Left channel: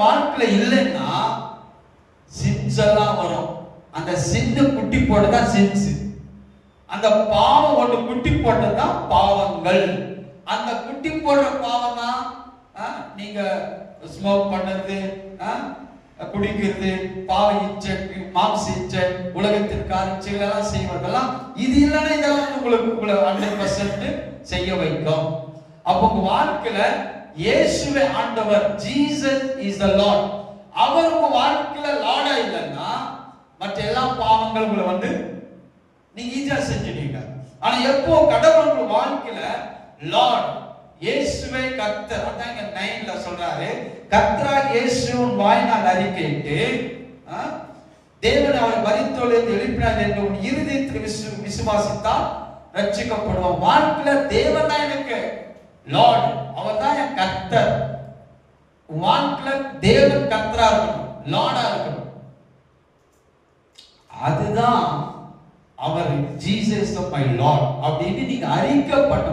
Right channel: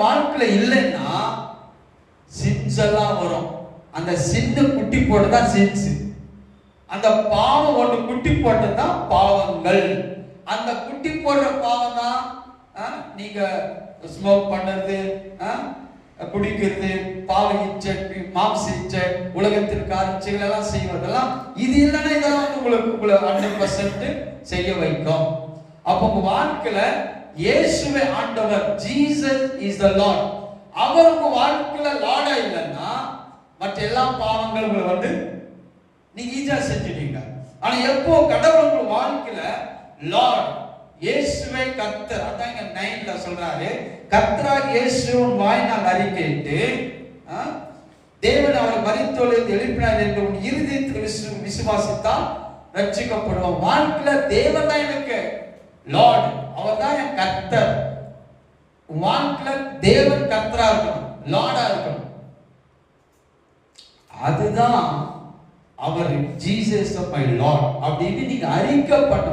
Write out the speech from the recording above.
வாழ்க்கையில இல்லைன்னா சின்ஸ் எல்லாம் வரும். அந்த சிந்து குட்டி போட்டதான் சின்ஸ். அந்த பாவம் ஒன்று குட்டி போட்டதான் பாவங்கள். அந்த குட்டி போடுற பாவம் தான் நீங்க ஸ்மோக் பண்றது, குடிக்கிறது, பாவ இச்சை, மாம்ச இச்சை, உலகத்திற்கான இச்சைகள் எல்லாம் செய்வதெல்லாம். இது இல்லைன்னா இதெல்லாம் உங்களுக்கு 100% செய்ய வைக்கும். அப்போ உங்க வாழ்க்கையில இயேசுவே ஆண்டவர், ஜீசஸ் இஸ் தி லார்ட், அவர் உங்க வாழ்க்கையில லார்டா இல்லைன்னா மற்ற எல்லா பாவங்களும் உங்களை நீங்க ஈஸியா செஞ்சுடுவீங்க. ஆனா எப்போ கடவுள் உங்க வாழ்க்கையில லார்ட், இயேசுவே கர்த்தர், அதான் இங்க 9ல சொல்றாரு, கர்த்தராகிய இயேசுவின் வாயினால் அறிக்கையிட்டு தேவன் அவரை மரித்தோரிலிருந்து எழுப்பினார் என்று உன் இருதயத்தில் விசுவாசித்தால் ரட்சிக்கப்படுவோம். வாழ்க்கையில தேவன் தான் எனக்கு லார்ட், அவர் தான் என் கர்த்தர். வாழ்க்கையில தேவன் கர்த்தரா இருக்கணும், லார்டா இருக்கணும். அதுதான் அவர் ஜீசஸ் மை லார்ட் அப்படின்னு நீங்க அறிக்கை பண்ண